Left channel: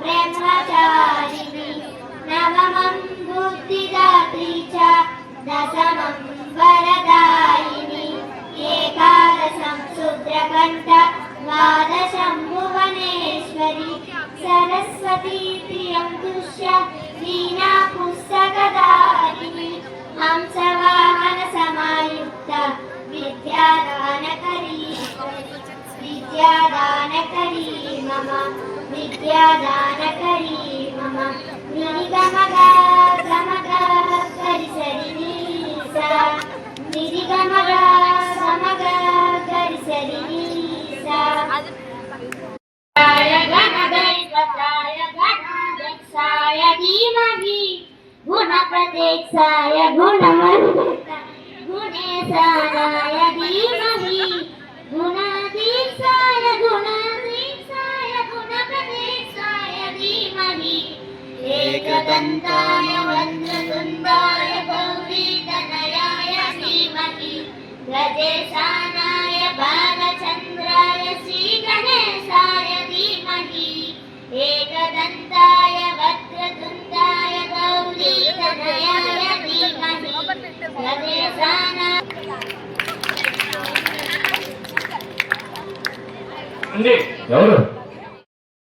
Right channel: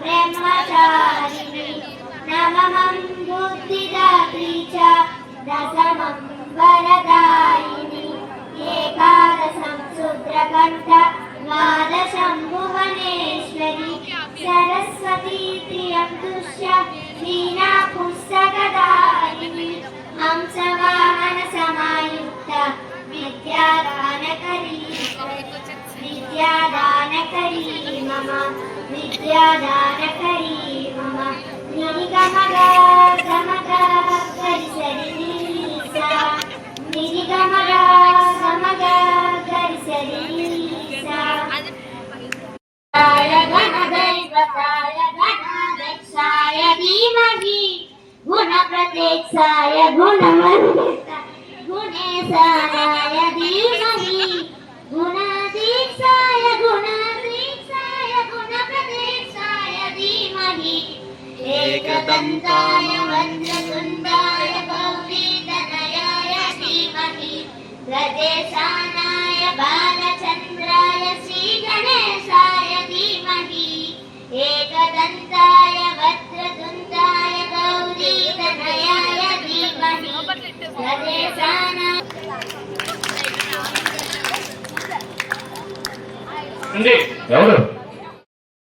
ब्रह्मचारिणी नवमं बुद्धिदात्री च दशमं वरदायिनी एकादशं शूद्रकण्ठ द्वादशं भुवनेश्वरी सरस्वती प्रियं तुष्य वीणा पुस्तकधारिणी हंसवाहन समायुक्ता विद्यादानकरी मम विद्यादानकरी मम निगमग गमग गरिसरि सा निगमग गमग गरिसरि सा गणदैवताय गणाध्यक्षाय धीमहि गुणप्रत्यक्षाय गुणेशानाय धीमहि गुणाधीशाय गुणप्रत्यक्षाय धीमहि एकदन्ताय वज्रतुण्डाय गौरीतनयाय धीमहि गजेशानाय बालचन्द्राय श्रीगणेशाय धीमहि एकदन्ताय वज्रतुण्डाय गौरीतनयाय धीमहि गजेशानाय ఎవరు